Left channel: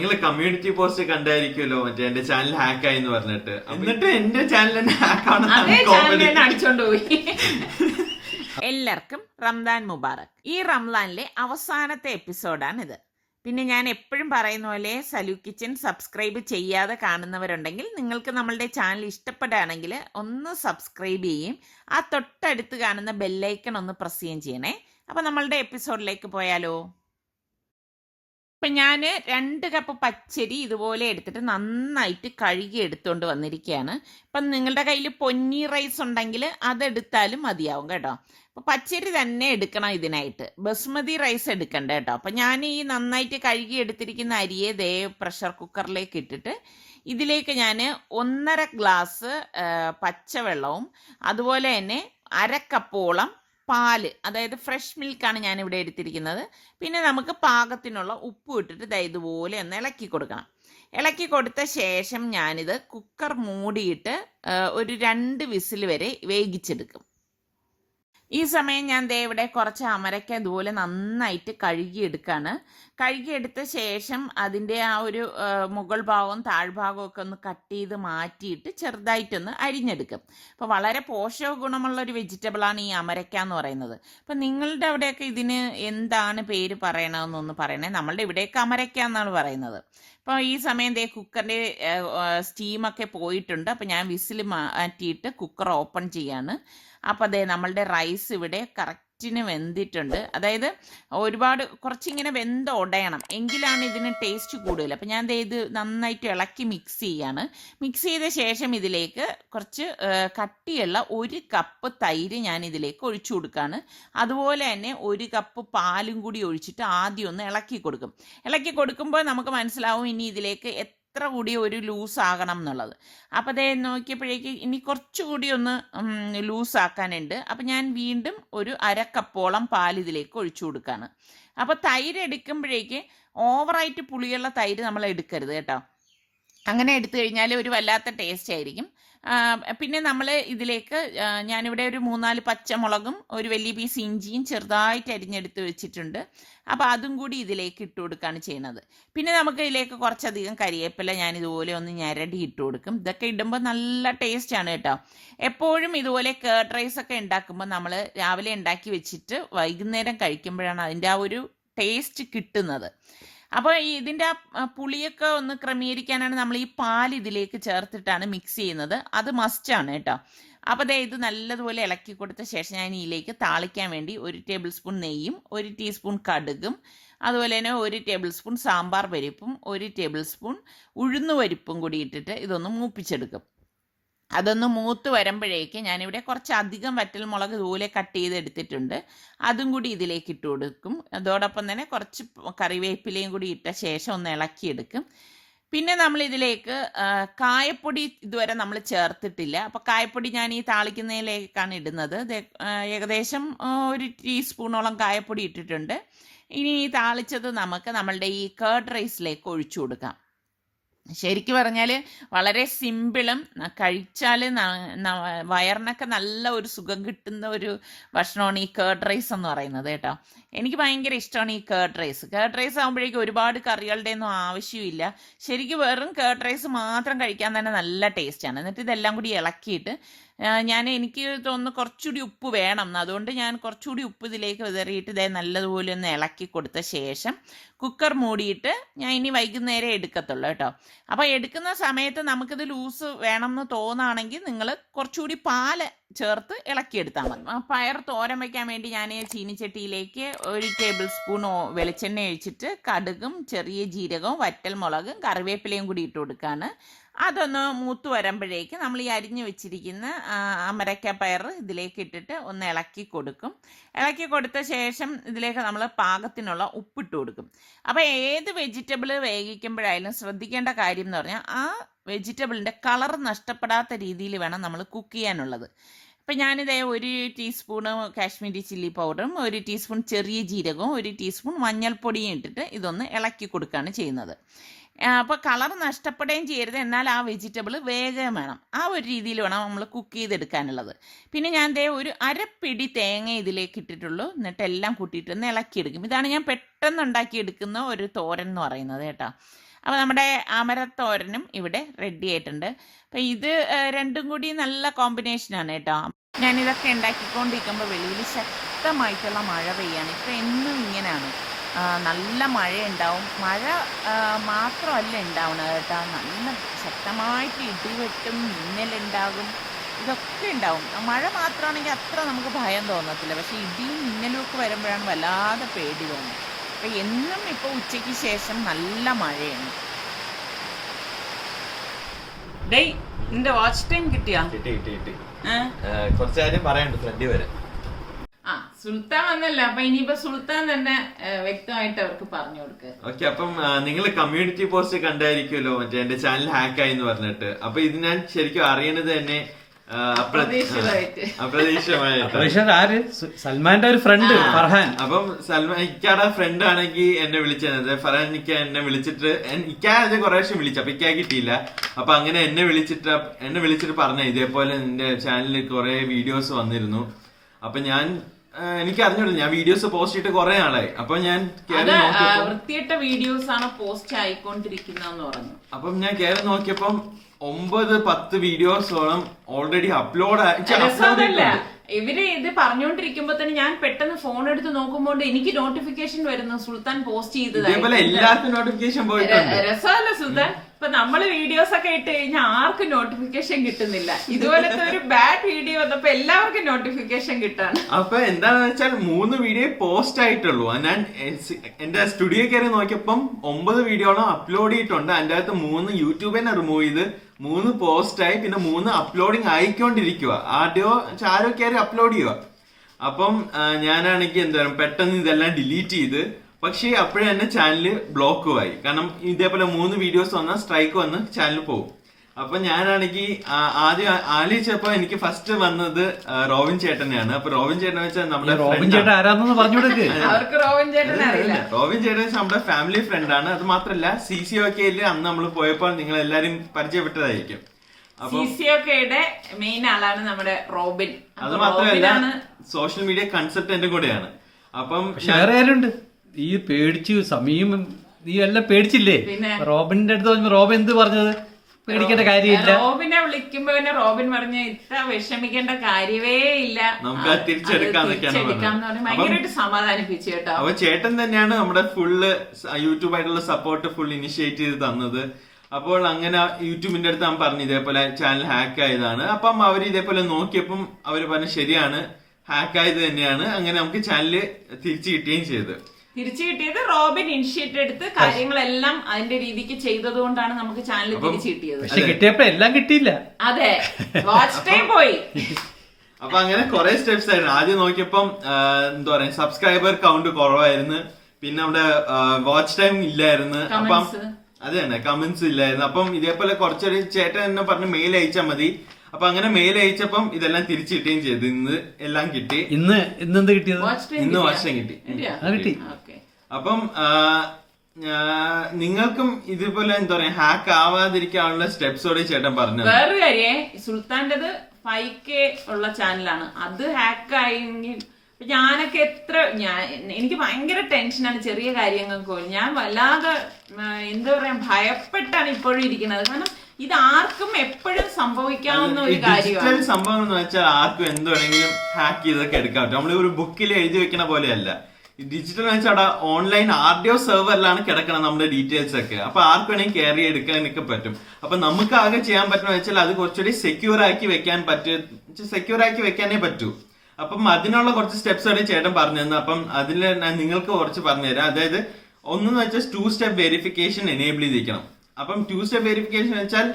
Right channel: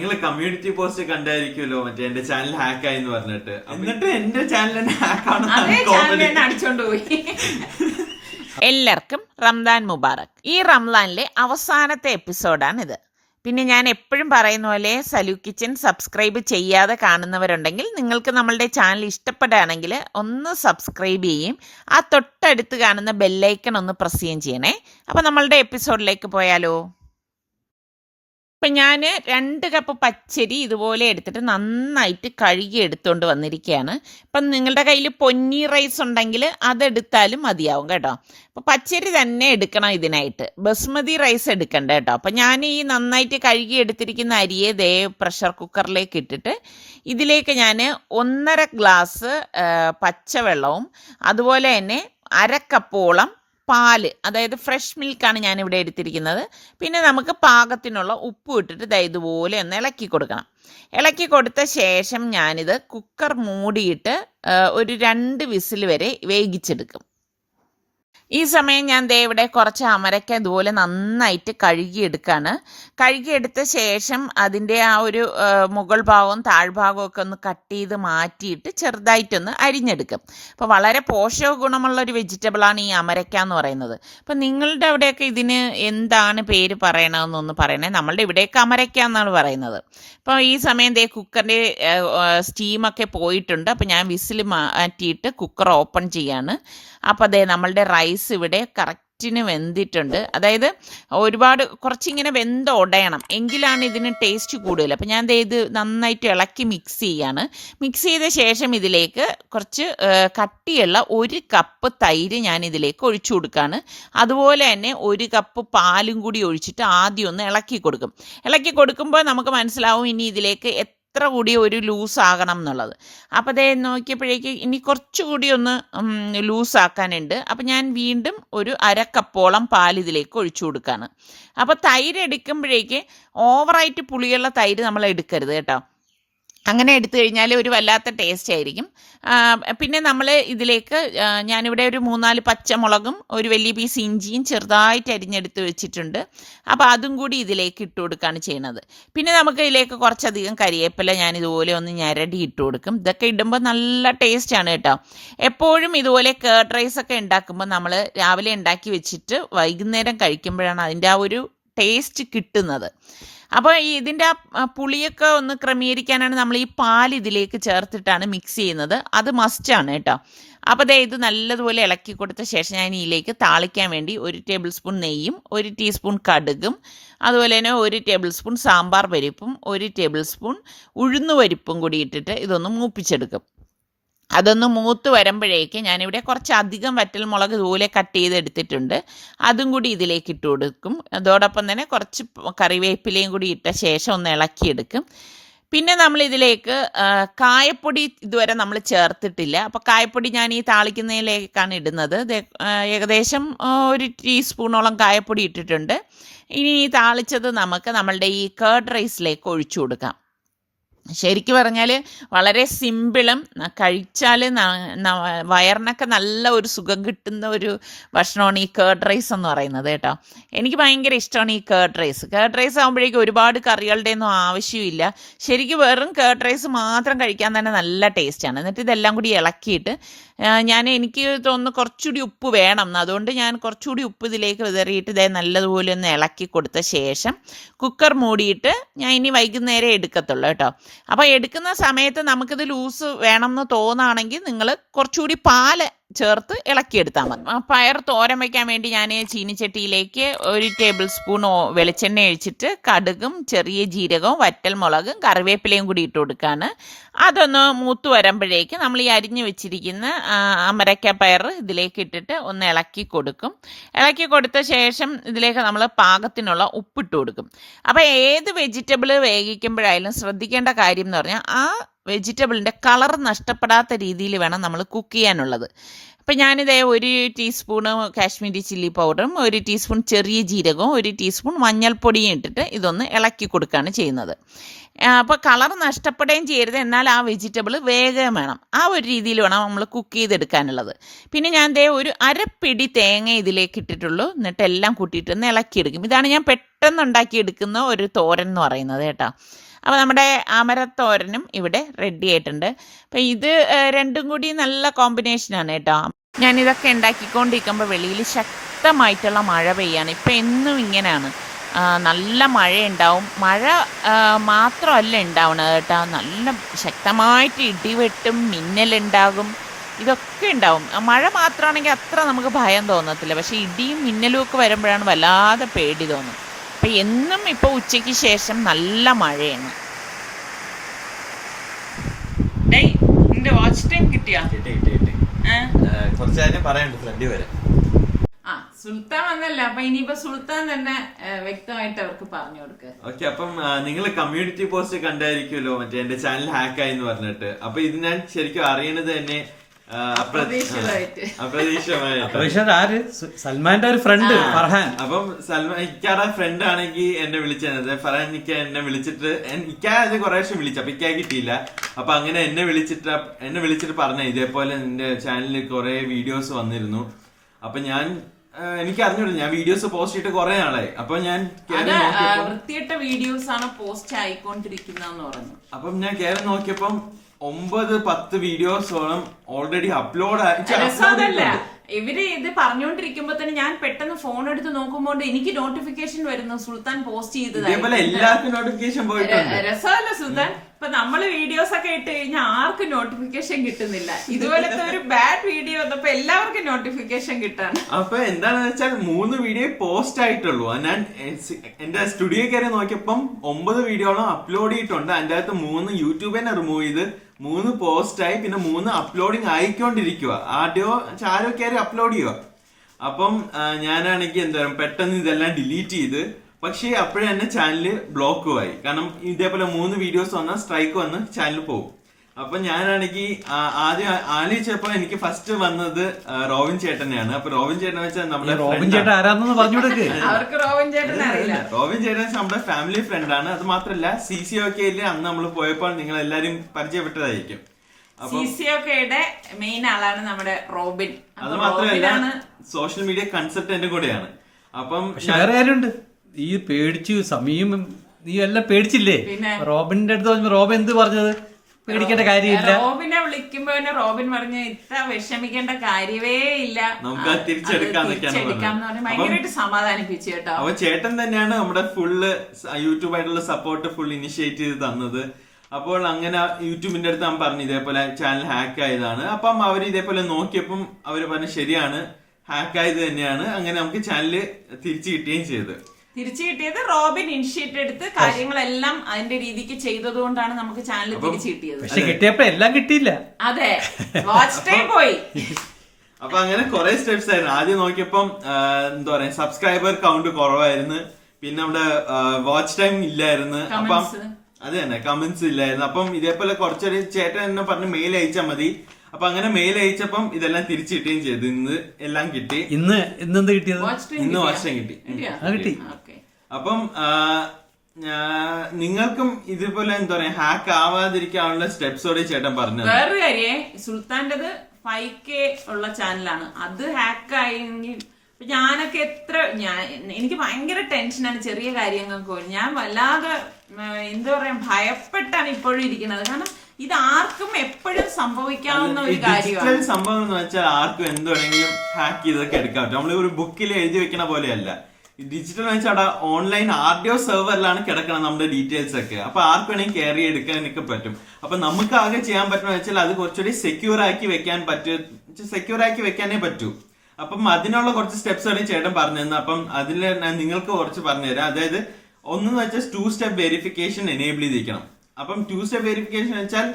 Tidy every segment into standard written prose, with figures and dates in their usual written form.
നിങ്ങൾ community post കണ്ടായിരിക്കുമല്ലോ മറ്റേ എന്റെ ചാനൽ ഹാക്കായി എന്ന് പറഞ്ഞിട്ട്, എന്നിട്ട് എന്റെ ചാനൽ തന്നെ ഹാക്കാണ് അടിച്ചോണ്ട് പോയി. എല്ലാവർക്കും റംദാൻ മുബാറക്. ഈ റംദാനിലെ അവസാനത്തെ എപ്പിസോഡാണിത്. പിന്നെ ഞാൻ എപ്പോഴും പറയുന്ന പോലെ സലു കിച്ചൻ സബ്സ്ക്രൈബ് ചെയ്യാതെ കാണുന്നവരുണ്ടെങ്കിൽ നിങ്ങൾക്ക് നമ്മളുടെ ചാനൽ ഇഷ്ടപ്പെടുകയാണെങ്കിൽ ഒന്ന് സബ്സ്ക്രൈബ് ചെയ്യും, ആ തൊട്ടടുത്ത് കാണുന്ന ബെല്ലൈക്കൺ ഒന്ന് പ്രസ് ചെയ്യുകയും ചെയ്യണേ. അപ്പം നമ്മളുടെ എപ്പിസോഡിലേക്ക് പോയാലോ? ഇപ്പം ഞാൻ 2 കപ്പ് പച്ചരി ഇതുപോലെ എടുത്തിട്ട് നന്നായിട്ട് കഴുകി എടുത്തുകൊണ്ട് വന്നിരിക്കുകയാണ്. ഇപ്പം നിങ്ങളുടെ കയ്യിൽ പൊന്നി റൈസ് ഉണ്ടെങ്കിൽ അതെടുത്താലും മതിയാവും കേട്ടോ. അപ്പോൾ പച്ചരി തന്നെ എടുക്കണം ഇതിനായിട്ട്, ബസ്മതി റൈസ് എടുക്കണ്ട കേട്ടോ. അപ്പം ഞാൻ ഈ നന്നായിട്ട് കഴുകി എടുത്തിരിക്കുന്ന അരിയെ പ്രഷർ കുക്കറിലേക്ക് ഇട്ടിട്ട് ഇതിലേക്ക് ഞാൻ 1.5 ഗ്ലാസ് പച്ചവെള്ളവും അതുപോലെ തന്നെ 1/2 കപ്പോളം പാല്, അതായത് ഫ്രഷ് മിൽക്കാണ് ഞാനിവിടെ എടുത്തിരിക്കുന്നത്. പിന്നെ നമുക്ക് പാകത്തിനുള്ള ഉപ്പ് ഇട്ടിട്ട് ഇതുപോലെ ഒന്ന് ഇളക്കി കൊടുക്കണം. ഇളക്കി കൊടുത്ത ശേഷം ഞാനിത് കുക്കർ മൂടിയിട്ട് ഒരു 2 വിസിൽ വരെ വേവിച്ചെടുക്കും. ഈ സമയം ഞാൻ ഇവിടെ കുറച്ച് അമരക്ക ഇതുപോലെ നന്നായിട്ട് കഴുകിയെടുക്കുകയാണ്. കഴുകിയെടുത്ത ശേഷം അതിൻ്റെ ആ ഒരു മുകൾ ഭാഗവും താഴ്ഭാഗവും ഒക്കെ ഒന്ന് കട്ട് ചെയ്ത് മാറ്റിയിട്ട് ചെറുതായിട്ടൊന്ന് അരിഞ്ഞെടുക്കും. അപ്പോൾ വളരെ പോഷക ഗുണമുള്ളൊരു വെജിറ്റബിളാണ് ഈ അമരക്ക എന്ന് പറയുന്നത്. അപ്പോൾ നിങ്ങളുടെ അവിടെയൊക്കെ ഇതിന് എന്താണ് പേര് പറയണമെന്നൊന്ന് പറയണേ. നമ്മളുടെ ഇവിടെയൊക്കെ അമരക്ക എന്നാണ് പറയുന്നത്. അപ്പോൾ ഈ സമയം കുക്കറിൻ്റെ സ്റ്റീമൊക്കെ പോയിട്ടുണ്ട്. അപ്പോൾ ഞാൻ വിസിൽ മാറ്റിയിട്ട് കുക്കർ ഓപ്പൺ ചെയ്യാണ്. അപ്പോൾ നമ്മളുടെ റൈസ് ഇവിടെ കറക്റ്റിന് വെന്തിട്ടുണ്ട്. അതായത് കുറച്ചിങ്ങനെ വെന്ത് ഉടയണം, എങ്കിലാണ് ഇതിന് ടേസ്റ്റ് കൂടുതൽ. അപ്പോൾ ഞാൻ ഇത് നന്നായിട്ട് ഇളക്കി മിക്സ് ചെയ്യാണ്. മിക്സ് ചെയ്ത ശേഷം ഇതിലേക്ക് കുറച്ച് കട്ടിയുള്ള 1 കപ്പ് തൈര് ഞാൻ ഇതിലേക്ക് ഒഴിച്ചു കൊടുക്കുകയാണ്. അതുപോലെ തന്നെ 1 കപ്പ് പാലും കൂടി ഒഴിച്ചിട്ട് ആദ്യം ഒന്ന് ഇളക്കി കൊടുക്കും. ഇളക്കി കൊടുക്കുമ്പോൾ നമുക്ക് മനസ്സിലാവും ഇനി ഇതിലേക്ക് എത്ര കൂടി ഒരു ലൂസ് ആകണം എന്നുള്ളത്. അപ്പോൾ നോക്കിയപ്പോഴേക്ക് ഇനി കുറച്ചുകൂടി ഒന്ന് ലൂസാക്കാനുണ്ട്. അപ്പോൾ ഞാൻ വീണ്ടും ഒരു 1/2 കപ്പോളം പാൽ ഇതിലേക്ക് ഒഴിച്ചു കൊടുക്കുകയാണ്. അപ്പോൾ തൈര് എടുക്കുമ്പോഴേക്ക് ഓവറായിട്ട് പുളിയുള്ള തൈര് നമ്മൾ എടുക്കരുത് കേട്ടോ. അങ്ങനെ എടുത്തു കഴിഞ്ഞാൽ ഒരു വല്ലാത്ത ടേസ്റ്റ് ആയിരിക്കും. പിന്നെ നമ്മൾ ഇതിലേക്ക് ഞാനിവിടെ ഒരു 3-4 പച്ചമുളകും ഒരു വലിയ പീസ് ഇഞ്ചിയും ചെറുതായിട്ട് അരിഞ്ഞെടുത്ത് വെച്ചിട്ടുണ്ട്. അപ്പോൾ അതും കൂടി ഇതിലേക്ക് ഇട്ട് കൊടുക്കുകയാണ് ചെയ്യുന്നത്. പിന്നെ നമുക്ക് ഇതിലേക്ക് കുറച്ചധികം കരിവേപ്പില ഞാൻ ഇതുപോലെ ഒന്ന് ഞരടി ഇട്ട് കൊടുക്കും. ഇതൊക്കെ ഇടുമ്പോൾ നല്ല ടേസ്റ്റാണ് കേട്ടോ. എപ്പോഴും ഇതുപോലെ കേർഡ് റൈസൊക്കെ ഉണ്ടാക്കുമ്പോൾ നമ്മൾ രാവിലെ ഉണ്ടാക്കി വെച്ചിട്ട് വൈകുന്നേരം കഴിക്കുമ്പോഴാണ് അതിൻ്റെ ആ ഒരു ടേസ്റ്റ് കിട്ടുന്നത്. അപ്പോൾ ഇതിൻ്റെ ആ പുളിയൊക്കെ ഒന്ന് ക്രമീകരിക്കാനാണ് നമ്മൾ ഈ പാൽ ഇതിലേക്ക് ചേർത്തിട്ടാണ് മിക്സ് ചെയ്യുന്നത്. അത് മസ്റ്റാണ് കേട്ടോ. അപ്പോൾ ഇത് നല്ലതുപോലെ ഇളക്കി കൊടുത്ത ശേഷം ഞാൻ ഇതിലേക്ക് താളിക്കാൻ വേണ്ടി 1 ടേബിൾ സ്പൂൺ നെയ്യും 1 ടീസ്പൂൺ കടുകും അതുപോലെ തന്നെ 1 ടേബിൾ സ്പൂൺ സാമ്പാർ പരിപ്പും 1 ടേബിൾ സ്പൂൺ ഉഴുന്നുപരിപ്പും കൂടി ഇട്ടിട്ട് ഇതൊന്ന് മൂപ്പിച്ചെടുക്കും. അതൊന്ന് മൂത്ത് വരുമ്പോഴേക്ക് ഞാനിവിടെ കുറച്ചധികം വറ്റൽമുളക് ഇതുപോലെ കട്ട് ചെയ്തെടുത്തിട്ടുണ്ട്. അതും കൂടി ഇതിലേക്ക് ഇട്ട് കൊടുക്കും. അതോടൊപ്പം തന്നെ കുറച്ച് കറിവേപ്പിലയും കൂടി ഇട്ട ശേഷം ഒന്ന് ഇളക്കിയെടുക്കും. പിന്നെ നമ്മളിതിലേക്ക് കായപ്പൊടി ഇതുവരെ നമ്മൾ ചേർത്തിട്ടില്ല. അപ്പോൾ കായപ്പൊടി ഞാൻ ഈ താളിക്കുന്നതിലേക്കാണ് ഇടുന്നത്. ഏകദേശം 1 ടീസ്പൂണോളം കായപ്പൊടി ഇട്ടിട്ടുണ്ട്. ഇനി ഈ താളിച്ചത് നമുക്ക് നമ്മളുടെ ഈ കേർഡ് റൈസിലേക്ക് ഒഴിച്ചു കൊടുക്കാം. ശരിക്കും പറഞ്ഞാൽ വളരെ സിമ്പിളും കഴിച്ചാൽ വയറിനൊക്കെ നല്ല ഒരു സുഖം കിട്ടുന്ന ഒരു ഭക്ഷണമാണ് ഈ കേർഡ് റൈസ് എന്ന് പറയുന്നത് കേട്ടോ. എനിക്ക് ഭയങ്കര ഇഷ്ടമാണ് ഈ കേർഡ് റൈസ്. കേർഡ് റൈസ് ആകുമ്പോഴേക്കും ഒരുപാട് കറികളുടെ ഒന്നും ആവശ്യമില്ല. ശരിക്കും വെറും കേർഡ് റൈസ് മാത്രം കഴിക്കാൻ തന്നെ നല്ല ടേസ്റ്റാണ്. എന്നിട്ട് ഇതെല്ലാം കൂടി ഇളക്കിയിട്ട് എനിക്ക് തോന്നുന്നു കുറച്ചുകൂടി ഉപ്പ് വേണം. അതുകൊണ്ട് ഞാൻ കുറച്ചുകൂടി ഉപ്പ് ഇതിലേക്ക് വിതറിയിട്ട് നല്ലതുപോലെ ഒന്ന് ഇളക്കി കൊടുത്ത ശേഷം കുക്കർ മൂടിയിട്ട് ഞാൻ ഇനി വൈകുന്നേരം എടുക്കത്തുള്ളൂ കേട്ടോ. അപ്പോൾ എടുക്കുന്ന സമയത്ത് നമുക്കിത് ലൂസ് വേണമെന്ന് തോന്നുകയാണെങ്കിൽ നിങ്ങൾ കുറച്ചുകൂടി പാല് ചേർത്ത് ഇളക്കിയെടുത്താൽ മതി. പയർ തോരൻ വയ്ക്കാൻ വേണ്ടി ഞാൻ ചീനിച്ചട്ടിയിലേക്ക് 1 ടേബിൾ സ്പൂൺ വെളിച്ചെണ്ണ ഒഴിച്ചിട്ട് കടുകും ചെറിയ ജീരകവും വറ്റൽമുളകും കറിവേപ്പിലയും കൂടി ഇട്ട് കൊടുക്കുകയാണ്. അതൊന്ന് മൂത്ത് വരുമ്പോഴേക്ക് നമ്മൾ ഈ അരിഞ്ഞു വെച്ചിരിക്കുന്ന അമരക്ക പയർ ഇതിലേക്ക് ഇട്ടിട്ട് ഒന്ന് ഇളക്കി കൊടുക്കും. ഇളക്കി കൊടുത്ത ശേഷം ഇതിലേക്ക് നമ്മൾ പാകത്തിനുള്ള ഉപ്പിട്ട് കൊടുക്കും. അപ്പോൾ ഏത് വെജിറ്റബിൾ വേവിക്കുമ്പോഴായാലും ശ്രദ്ധിക്കേണ്ട കാര്യം എന്ന് പറഞ്ഞാൽ ആ വെജിറ്റബിളിൻ്റെ കളർ നഷ്ടപ്പെടാത്ത രീതിയിൽ വേണം നമ്മൾ കുക്ക് ചെയ്യാനുള്ളത്. അപ്പം ഞാനിത് 1 ടീസ്പൂണ് കാശ്മീരി ചില്ലി പൗഡറും 1 ടീസ്പൂൺ ചെറിയ ജീരകവും 1 ടീസ്പൂൺ മഞ്ഞൾപ്പൊടിയും ഇട്ടിട്ട് ഇതൊന്ന് ഇളക്കി കൊടുക്കുകയാണ് ചെയ്യുന്നത്. അപ്പോൾ കളർ നഷ്ടപ്പെടുകയും ചെയ്യരുത്, എന്നാൽ ആ വെജിറ്റബിൾ വേഗം വേണം. ആ ഒരു രീതിയിൽ വേണം നമ്മൾ കുക്ക് ചെയ്തെടുക്കാനുള്ളത്. പിന്നെ ഞാൻ ഒരു അരപ്പിടി തേങ്ങ ഇതിലേക്ക് ഇട്ടിട്ടുള്ളൂ. എന്നിട്ട് എല്ലാം കൂട്ടിയിട്ടൊന്ന് ഇളക്കിയെടുക്കും. ഇതാണ് ഞാൻ പെട്ടെന്ന് ഉണ്ടാക്കിയെടുക്കുന്ന ഒരു തോരൻ എന്ന് പറയുന്നത് കേട്ടോ. അപ്പോൾ നമ്മുടെ അമരത്തോരനും ഇവിടെ റെഡി ആയിട്ടുണ്ട്. അപ്പോൾ ഇത് രണ്ടും കൂടി നല്ല കോമ്പിനേഷനാണ് കേട്ടോ. ഞാനിതൊക്കെ ഉണ്ടാക്കിക്കൊണ്ടിരിക്കുമ്പോൾ വെളിയിൽ ശക്തമായിട്ടുള്ള മഴ പെയ്യാണ്. ഇപ്പം എന്നും ഇങ്ങനെയാണ്, നല്ല മഴയുണ്ടാവും. മഴ മാത്രമല്ല ഉണ്ടാവുന്നത് കേട്ടോ, നല്ല ശക്തമായിട്ട് ഇടിവെട്ടും മിന്നലുണ്ടാകും, ഇതൊക്കെ ഉണ്ടാവും. മഴ മാത്രമാണെങ്കിൽ അത്ര നമുക്ക് ഭയം തോന്നത്തില്ല, പക്ഷേ ഇടിയും മിന്നലും ഒക്കെ വരുമ്പോഴാണ് വല്ലാതെ പേടി തോന്നും. അപ്പം എന്നും ഇപ്പോൾ ഉച്ചയ്ക്ക് ശേഷം നല്ല മഴയാണ്. ഡേയ്, നിന്റെ വാച്ച് ടൈം കിട്ടിയാ? കുറച്ച് കാര്യം പറയാനുണ്ട് ഫ്രണ്ട് വരെ. സുൽത്താൻ വന്നല്ല, അപ്പൊ ഇനിയിപ്പോ സുൽത്താൻ തന്നെ വ്യക്തമായിട്ട് അവർക്ക് പറഞ്ഞു കൊടുക്കുക. ഓക്കെ, അപ്പം നിങ്ങൾ കമ്മ്യൂണിറ്റി പോസ്റ്റ് കണ്ടായിരിക്കുമല്ലോ മറ്റേ എന്റെ ചാനൽ ഹാക്കായി എന്ന് പറഞ്ഞിട്ട്. അപ്പൊ ഇത് ഞാൻ ശരിക്കും അറിയണത് തന്നെ സൽമാന്റെ ഒരു ഫ്രണ്ട് ഫർഹാൻ. അപ്പം സൽമാൻ ഇക്കാടെ ഫ്രണ്ട് ആണെങ്കിൽ എന്നെ വിളിച്ചത്. ഫർഹാൻ എന്നെ വിളിച്ചിട്ട് ഇക്കാ അത് കുറെ പ്രാവശ്യം വിളിച്ചു, അപ്പൊ ഇക്കാ കിട്ടിയില്ല. അപ്പൊ അങ്ങനെ എന്നെ വിളിച്ചിട്ട് പറഞ്ഞ ഇതേപോലെ നിന്റെ ചാനലിൽ കുറെ വീഡിയോസ് വന്നിരുന്നു. അപ്പൊ എനിക്ക് അറിഞ്ഞൂടാ, ഞാൻ വീഡിയോസ് പോസ്റ്റ് ചെയ്തിട്ട് കുറെ നാളായി. അപ്പൊ ഞാൻ വൃത്തിയിട്ട വീഡിയോസ് ആണ് പോസ്റ്റ് ആയിക്കൊണ്ടിരിക്കുന്നതെന്ന് പറഞ്ഞു. അപ്പം ഞാൻ കയറി നോക്കിയപ്പം 9-10 വീഡിയോസോളം ഓൾറെഡി അപ്ലോഡ് ഇവര് ഇത് പറഞ്ഞുകൊണ്ടിരിക്കുമ്പോ തന്നെ ഞാൻ പെട്ടെന്ന് ഫോൺ എടുത്ത് നോക്കുമ്പോൾ എനിക്ക് നോട്ടിഫിക്കേഷൻ വരുന്നു സുൽത്താൻ പോസ്റ്റ് ചെയ്തത്. എല്ലാവർക്കും നോട്ടിഫിക്കേഷൻ പോയിട്ടുണ്ട്. രസമല്ല സുൽത്താൻ, ഇപ്പൊ നമ്മള് വീഡിയോസ് ഒക്കെ ഇട്ട് കഴിഞ്ഞാൽ ആർക്കും നോട്ടിഫിക്കേഷൻ കിട്ടുന്നില്ല. ഇതുപോലത്തെ ഒരു ബാഡ് വീഡിയോ വന്നപ്പോ എല്ലാവർക്കും നോട്ടിഫിക്കേഷൻ കിട്ടാണ്. അപ്പൊ എന്താണെന്ന് വെച്ചാൽ 3 വീഡിയോ പോസ്റ്റ് ആയിട്ടുള്ളൂ. ഞാൻ എന്റെ സ്റ്റുഡിയോ കയറി നോക്കിയപ്പം 9 വീഡിയോകളും അപ്ലോഡ് ചെയ്തിട്ടുണ്ട്. അതിന്റെ അകത്ത് 3 യൂട്യൂബിൽ തന്നെ റിമൂവ് ചെയ്ത് 3 പോസ്റ്റ് ആയി, പിന്നെ 3 അപ്ലോഡിങ് ആയിക്കൊണ്ടിരിക്കുക. ആരോ കയറി അപ്ലോഡ് ചെയ്യുക. അപ്പം ഞാനാണെങ്കിൽ എന്താ പെട്ടെന്ന് ഇതെല്ലാം ഡിലീറ്റ് ചെയ്ത്, പക്ഷേ അപ്പോഴേ എന്റെ ചാനല് ബ്ലോക്കും ആയി. കാരണം ഇതേപോലെ 3 വീഡിയോസ് വന്നാൽ സ്ട്രൈക്ക് വന്ന് ചാനൽ പോകും. അപ്പൊ ഞാനാണെങ്കിൽ ആദ്യം ആലോചിച്ചപ്പോ എനിക്ക് ഫസ്റ്റ് വന്നത് റോബിൻ ചേട്ടനെയാണ്. അപ്പൊ റോബിൻ ചേട്ടൻ വെച്ചാൽ നമ്മുടെ റോബിൻ ചേട്ടൻ ആരാന്ന് പറഞ്ഞു കൊടുക്ക്. അവർക്ക് റോബിൻ ചേട്ടൻ അറിയില്ല. റോബിൻ ചേട്ടൻ നമ്മുടെ ഫാമിലി ഫ്രണ്ട് ആണ്. അത് മാത്രല്ല CCOKയില് അന്ന് നമ്മൾ പോയപ്പോൾ നിങ്ങൾ എല്ലാരും പരിചയപ്പെട്ടതായിരിക്കും. CCOKയുടെ മെയിൻ ആളാണ് നമ്മുടെ റോബിൻ. അത് മാത്രമല്ല സോഷ്യൽ മീഡിയ കൺസൾട്ടന്റ് കൂടെയാണ്. അപ്പം വേറെ ആരുണ്ട് ഈ പേടിച്ചു സമയം, നീ എല്ലാം പേടിച്ചില്ലേ? റോബിന്റെ അടുത്ത് പറഞ്ഞു, റോബിൻ എന്ത് പറഞ്ഞത്? പേടിക്കേണ്ട കാര്യമില്ല. റോബിനെ വിളിക്കുമ്പോ പിന്നെ റോബിൻ പറഞ്ഞ് ഇത്ര വിഷമിക്കേണ്ട കാര്യമേ ഇല്ല, നമുക്ക് തിരിച്ചെടുക്കാന്ന് പറഞ്ഞ് ഭയങ്കരമായിട്ട് സമാധാനിപ്പിച്ചു കേട്ടോ. അപ്പൊ ചേട്ടൻ തന്നെയാണ് നമ്മുടെ ഫുള്ള് യൂട്യൂബായിട്ടുള്ള സപ്പോർട്ട് ഫുൾ ഇനിഷ്യേറ്റ് ചെയ്ത് തന്നത്. അപ്പോൾ അങ്ങനെ യൂട്യൂബിന്റെ അടുത്ത് ഞാൻ പറഞ്ഞു ഇതേപോലെ ചാനൽ ഹാക്ക് ആയതാണ്. അപ്പം അവർ ഇതേപോലെ നോക്കിയപ്പം അവര് പറഞ്ഞു ശരിയാണ്, ഹാക്ക് ആയത് തന്നെയാണ്. അങ്ങനെ നമുക്ക് ചാനല് തിരിച്ചു കിട്ടുകയും ചെയ്തത്. തിരിച്ചു കിട്ടിയത് റോബിൻ ഇനിഷ്യേറ്റ് എടുത്ത് കാര്യങ്ങളെല്ലാം അതിന്റെ രീതിക്ക് ചെയ്തതുകൊണ്ടാണ് നമുക്ക് ചാനൽ തിരിച്ചു കിട്ടിയത്. പക്ഷെ കിട്ടിയപ്പോ എല്ലാം കിട്ടിയില്ല. അതെ, വാച്ച് ടൈം പോയി. അപ്പൊ അങ്ങനെ കുറെ സ്റ്റെപ്സ് ആയിരുന്നു. ആദ്യം നോക്കിയപ്പം എന്താ പറയാ, സബ്സ്ക്രൈബർ കൗണ്ട് കുറവായിരുന്നു. പിന്നെ നമ്മുടെ വാച്ച് ടൈം ഇല്ലായിരുന്നു. അപ്പം അത് തന്നെ കമന്റ്സ് ഇല്ലായിരുന്നു. അപ്പം ഇതേപോലെ കുറച്ചൊരു ചേട്ടൻ എന്നെ പറഞ്ഞ് മെയിൽ അയച്ചാൽ മതി. അപ്പൊ അങ്ങനെ മെയിൽ അയച്ചപ്പം ഇതെല്ലാം തിരിച്ചു കിട്ടുകയും ചെയ്തു. ഇന്ന് എല്ലാം കിട്ടി. ഇന്ന് എന്ത് കിട്ടിയത്? ഇന്ന് വാച്ച് ടൈം കിട്ടി. അപ്പം നിങ്ങൾക്കും ഇതുപോലെ എന്താ പറയാ ഹാക്ക് ആവാതിരിക്കാനുള്ള സ്റ്റെപ്സോടെ ചേട്ടൻ പറഞ്ഞു. വേറൊരു കാര്യേ, സുൽത്താന്റേത് 5K ഉള്ള ചാനലാണ്. അത് ഹാക്ക് ആയെങ്കിൽ ഞാനൊക്കെ എനിക്ക് ഭയങ്കര ടെൻഷനാണ് ചെറിയ കാര്യങ്ങൾക്ക്. ഞാൻ വല്ലാതെ എന്താ പറയാ ഭയപ്പെട്ടാണ് ഇപ്പോഴും ഇരിക്കുന്നത്. കാരണം ഇത് ആർക്കും എപ്പോഴും സംഭവിക്കാവുന്ന ഒരു കാര്യമാണ്. സംഭവം എന്ന് വെച്ചാൽ ആർക്കും എന്ത് വേണമെങ്കിലും ഹാക്ക് ചെയ്തൊക്കെ എടുക്കാൻ പറ്റും. നമ്മൾ ഒരു ബുക്കിൽ എഴുതി വെക്കണ പോലെയല്ല. ഡിജിറ്റൽ എന്ന് വെച്ചാൽ ഓൺലൈൻ RDO സെർവറിലാണ് കിടക്കണം നമ്മുടെ ഡീറ്റെയിൽസ് ഒക്കെ. അപ്പൊ ആർക്ക് വേണമെങ്കിൽ കയറി എടുക്കാനൊക്കെ പറ്റും. അപ്പൊ നമുക്ക് ആകെ ചെയ്യാൻ പറ്റുന്ന വെച്ചാൽ അത് കുറച്ചുകൂടി സെക്യൂർ ആക്കി വെക്കാനേ പറ്റൂ. അപ്പം അതിനുള്ള കുറച്ച് സ്റ്റെപ്സ് ആണ് ചേട്ടൻ പറഞ്ഞു തന്നെ. അപ്പം അതിൽ ഞാൻ നിങ്ങൾക്ക് കുറച്ച് പറഞ്ഞുതരാം. അതായത് ഒന്നെന്ന് വെച്ചാൽ 2 സ്റ്റെപ്പ് വെരിഫിക്കേഷൻ എനേബിൾ ചെയ്തിരിക്കണം. അപ്പം 2 സ്റ്റെപ്പ് വെരിഫിക്കേഷൻ വെച്ചാൽ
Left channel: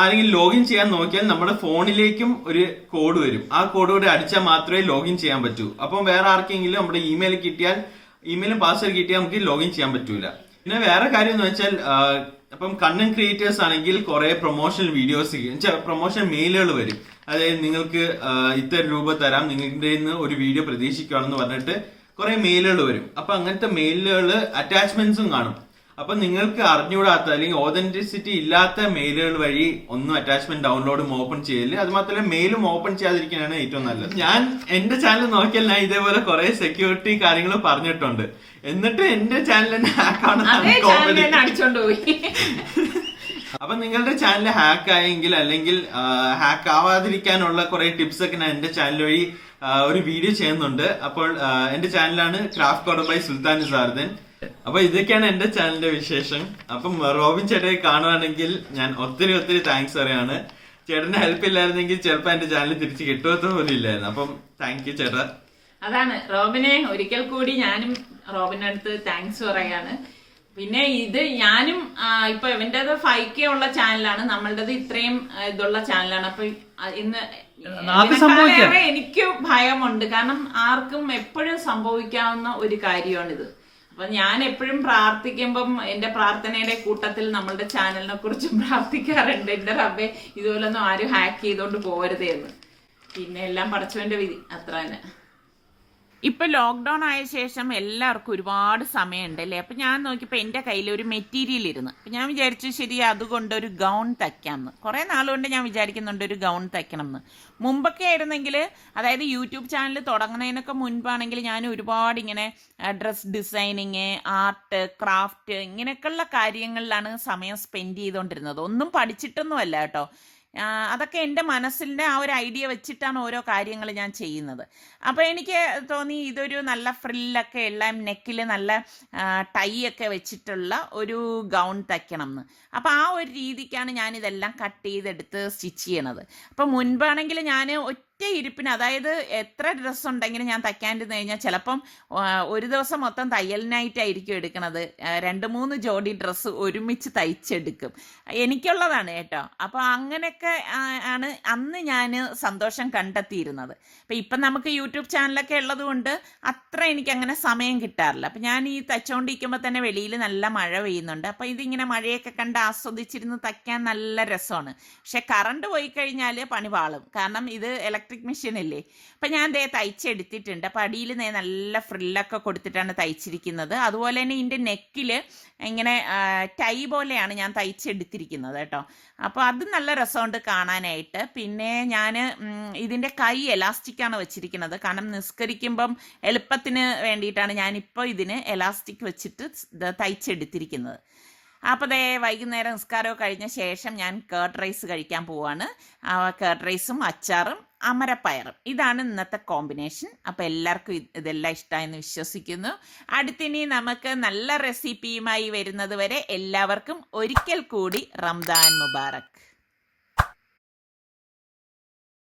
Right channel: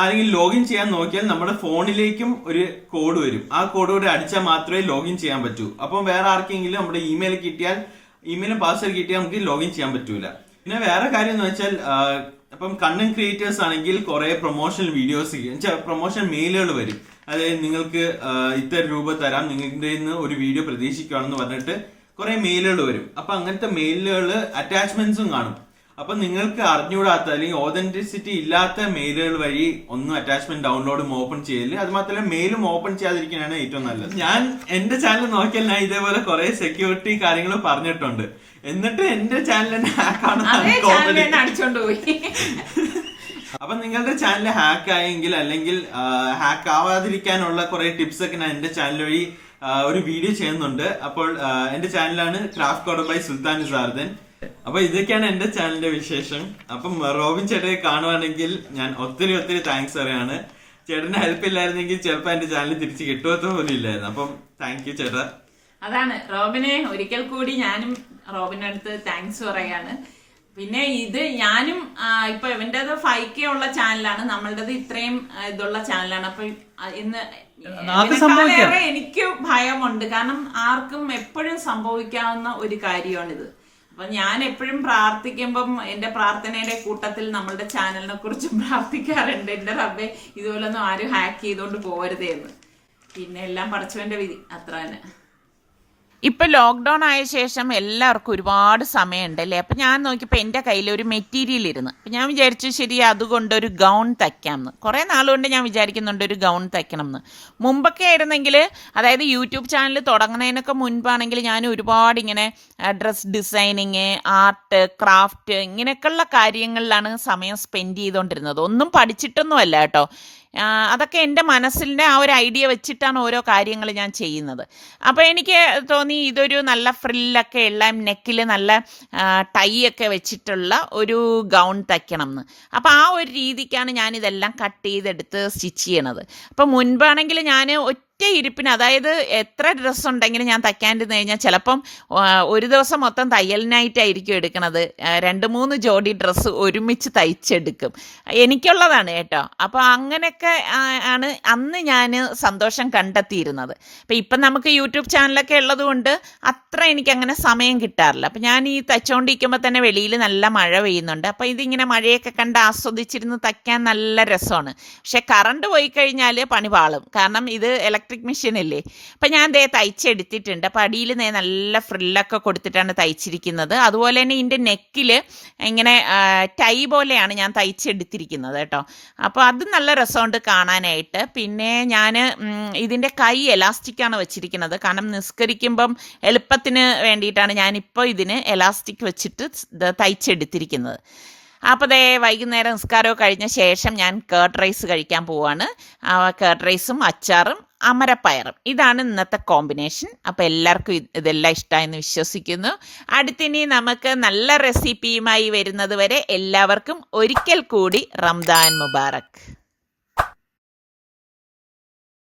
ആരെങ്കിലും ലോഗിൻ ചെയ്യാൻ നോക്കിയാൽ നമ്മുടെ ഫോണിലേക്കും ഒരു കോഡ് വരും. ആ കോഡ് കൂടെ അടിച്ചാൽ മാത്രമേ ലോഗിൻ ചെയ്യാൻ പറ്റൂ. അപ്പം വേറെ ആർക്കെങ്കിലും നമ്മുടെ ഇമെയിലും പാസ്വേഡ് കിട്ടിയാൽ നമുക്ക് ലോഗിൻ ചെയ്യാൻ പറ്റൂല. പിന്നെ വേറെ കാര്യം എന്ന് വെച്ചാൽ അപ്പം കണ്ടന്റ് ക്രിയേറ്റേഴ്സ് ആണെങ്കിൽ കുറെ പ്രൊമോഷണൽ വീഡിയോസ്, പ്രൊമോഷൻ മെയിലുകൾ വരും. അതായത് നിങ്ങൾക്ക് ഇത്ര രൂപ തരാം, നിങ്ങളുടെ ഒരു വീഡിയോ പ്രതീക്ഷിക്കുകയാണെന്ന് പറഞ്ഞിട്ട് കുറെ മെയിലുകൾ വരും. അപ്പൊ അങ്ങനത്തെ മെയിലുകൾ അറ്റാച്ച്മെന്റ്സും കാണും. അപ്പൊ നിങ്ങൾക്ക് അറിഞ്ഞുകൂടാത്ത അല്ലെങ്കിൽ ഓതന്റിസിറ്റി ഇല്ലാത്ത മെയിലുകൾ വഴി ഒന്നും അറ്റാച്ച്മെന്റ് ഡൗൺലോഡും ഓപ്പൺ ചെയ്യല്. അത് മാത്രമല്ല മെയിലും ഓപ്പൺ ചെയ്യാതിരിക്കാനാണ് ഏറ്റവും നല്ലത്. ഞാൻ എന്റെ ചാനൽ നോക്കിയാൽ ഞാൻ ഇതേപോലെ കുറെ സെക്യൂരിറ്റി കാര്യങ്ങൾ പറഞ്ഞിട്ടുണ്ട്. എന്നിട്ട് എന്റെ ചാനൽ തന്നെ അതേ ചാനൽ ഹാക്ക് അടിച്ചോണ്ട് പോയി. അപ്പൊ നിങ്ങളുടെ ചാനൽ ഹാക്ക് ആയെങ്കിൽ അല്ലെങ്കിൽ ഹാക്ക് ആവാതിരിക്കാനുള്ള കുറെ ടിപ്സ് ഒക്കെ ഞാൻ എന്റെ ചാനൽ വഴി ഒരു വീഡിയോ ചെയ്യുന്നുണ്ട്. അപ്പോൾ എന്റെ ചാനലാണ് ക്രാഫ്റ്റ് കോർണർ ബൈ സുൽത്താൻ സാർദൻ. അപ്പൊ ഇതൊക്കെയാണ് എന്റെ ചാനലിന്റെ വിശേഷം. അപ്പം റോബിൻ ചേട്ടനെ കാണുവാണെങ്കിൽ ഞാൻ ഒത്തിരി ഒത്തിരി താങ്ക്സ് പറയാണ്. ചേട്ടന്റെ ഹെൽപ്പ് ഇല്ലായിരുന്നെങ്കിൽ ചിലപ്പോ എന്റെ ചാനൽ തിരിച്ച് കിട്ടുമോ പോലും ഇല്ലായിരുന്നു. അപ്പം താങ്ക് യു ചേട്ടാ. അതാണ് റോബിനെ ഒരിക്കൽ കൂടി ഞാനും റോബിന്റെ അടുത്ത് താങ്ക്സ് പറയാണ്. പിന്നെ ഇത് ഞാനും ഇപ്പൊ ഇവന്റേത് 5K ഉള്ള ചാനലാണ്, നമ്മളുടേത് ഇത്രയും ഇതുള്ള ചാനലാണ്. അപ്പൊ ഇന്ന് എനിക്ക് ഭയമുണ്ട്, കാരണം ആർക്കും എപ്പോഴും സംഭവിക്കാവുന്ന ഒരു കാര്യമാണിത്. അപ്പൊ ഞാൻ എപ്പോഴും പ്രാർത്ഥിക്കുമ്പം എന്റെ പ്രാർത്ഥനയുടെ കൂട്ടത്തിൽ നമ്മളുടെ ചാനലിനെ കുറിച്ച് പ്രാർത്ഥിക്കാറുണ്ട്. എന്റെ റബ്ബേ ഇതുപോലൊന്നും ആരും ഹാക്ക് ചെയ്തോണ്ട് പോകരുതേ എന്ന്. പിന്നെ എല്ലാം പടച്ചവന്റെ വിധി, അത്ര തന്നെ. ഇപ്പം ലോക്ക്ഡൗൺ ആയ ശേഷം എല്ലാവർക്കും ഒരുപാട് സമയമുണ്ട് അല്ലേ. അപ്പം ഞാൻ നോക്കിയപ്പോൾ എൻ്റെ കയ്യിൽ ഒരു മെറ്റീരിയൽ ഇരുന്ന്. അപ്പം ഞാൻ വിചാരിച്ചു ശരി അതുകൊണ്ട് ഒരു ഗൗൺ തയ്ക്കാമെന്ന്. കുറേ നാളുകൊണ്ട് ഞാൻ വിചാരിക്കുന്നുണ്ട് ഒരു ഗൗൺ തയ്ക്കണം എന്ന്. മുമ്പൊക്കെ ആയിരുന്നെങ്കിൽ, അതായത് യൂട്യൂബ് ചാനൽ തുടങ്ങുന്നതിനൊക്കെ മുൻപാണെങ്കിൽ ഞാൻ ഒരുപാട് ഇങ്ങനെ ഡ്രസ് ഡിസൈനിങ്, ആർട്ട്, ക്രാഫ്റ്റ് ഇങ്ങനെയൊക്കെയുള്ള കാര്യങ്ങളിലാണ് സമയം സ്പെൻഡ് ചെയ്തുകൊണ്ടിരുന്നത്. ഒന്നും പഠിച്ചിട്ടൊന്നുമല്ല കേട്ടോ. അതൊക്കെ എൻ്റെ മനസ്സിൻ്റെ ആ ഒരു ഐഡിയ വെച്ചിട്ടാണ് ഓരോ കാര്യങ്ങൾ ഞാൻ ചെയ്യുന്നത്. അപ്പോൾ എനിക്ക് തോന്നി ഇതൊരു നല്ല ഫ്രില്ലൊക്കെ ഉള്ള, നെക്കിൽ നല്ല ടൈ ഒക്കെ വെച്ചിട്ടുള്ള ഒരു ഗൗൺ തയ്ക്കണം എന്ന്. അപ്പോൾ ആ ഒരു രീതിക്കാണ് ഞാനിതെല്ലാം കട്ട് ചെയ്തെടുത്ത് സ്റ്റിച്ച് ചെയ്യണത്. അപ്പോൾ മുൻപാണെങ്കിൽ ഞാൻ ഒറ്റ ഇരിപ്പിന്, അതായത് എത്ര ഡ്രസ്സ് ഉണ്ടെങ്കിലും ഞാൻ തയ്ക്കാണ്ടിരുന്ന് കഴിഞ്ഞാൽ ചിലപ്പം ഒരു ദിവസം മൊത്തം തയ്യലിനായിട്ടായിരിക്കും എടുക്കണത്. 2-3 ജോഡി ഡ്രസ്സ് ഒരുമിച്ച് തയ്ച്ചെടുക്കും. എനിക്കുള്ളതാണ് കേട്ടോ. അപ്പോൾ അങ്ങനെയൊക്കെ ആണ് അന്ന് ഞാൻ സന്തോഷം കണ്ടെത്തിയിരുന്നത്. അപ്പം ഇപ്പം നമുക്ക് യൂട്യൂബ് ചാനലൊക്കെ ഉള്ളതുകൊണ്ട് അത്ര എനിക്കങ്ങനെ സമയം കിട്ടാറില്ല. അപ്പം ഞാൻ ഈ തയ്ച്ചുകൊണ്ടിരിക്കുമ്പോൾ തന്നെ വെളിയിൽ നല്ല മഴ പെയ്യുന്നുണ്ട്. അപ്പോൾ ഇതിങ്ങനെ മഴയൊക്കെ കണ്ട് ആസ്വദിച്ചിരുന്ന് തയ്ക്കാൻ നല്ല രസമാണ്. പക്ഷെ കറണ്ട് പോയി കഴിഞ്ഞാൽ പണി പാളും, കാരണം ഇത് ഇലക്ട്രിക് മെഷീൻ അല്ലേ. അപ്പം ഞാൻ ദേ തയ്ച്ചെടുത്തിട്ടുണ്ട്. അപ്പം അടിയിൽ നല്ല ഫ്രില്ലൊക്കെ കൊടുത്തിട്ടാണ് തയ്ച്ചിരിക്കുന്നത്. അതുപോലെ തന്നെ ഇതിൻ്റെ നെക്കിൽ ഇങ്ങനെ ടൈ പോലെയാണ് ഞാൻ തയ്ച്ചെടുത്തിരിക്കുന്നത് കേട്ടോ. അപ്പോൾ അത് നല്ല രസമുണ്ട് കാണാനായിട്ട്. പിന്നെ ഞാൻ ഇതിൻ്റെ കൈ എലാസ്റ്റിക്കാണ് വെച്ചിരിക്കുന്നത്, കാരണം നിസ്കരിക്കുമ്പം എളുപ്പത്തിന് വേണ്ടിയിട്ടാണ് ഞാനിപ്പോൾ ഇതിന് എലാസ്റ്റിക് വെച്ചിട്ട് തയ്ച്ചെടുത്തിരിക്കുന്നത്. അപ്പോൾ ദേ വൈകുന്നേരം നിസ്കാരമൊക്കെ കഴിഞ്ഞ ശേഷം ഞാൻ കേർഡ് റൈസ് കഴിക്കാൻ പോവാണ്. കേർഡ് റൈസും അച്ചാറും അമരപ്പയറും, ഇതാണ് ഇന്നത്തെ കോമ്പിനേഷൻ. അപ്പോൾ എല്ലാവർക്കും ഇതെല്ലാം ഇഷ്ടമായെന്ന് വിശ്വസിക്കുന്നു. അടുത്തിനി നമുക്ക് നല്ല റെസിപ്പിയുമായി വരുന്നത് വരെ എല്ലാവർക്കും ഒരിക്കൽ കൂടി റംദാൻ മുബാറക്.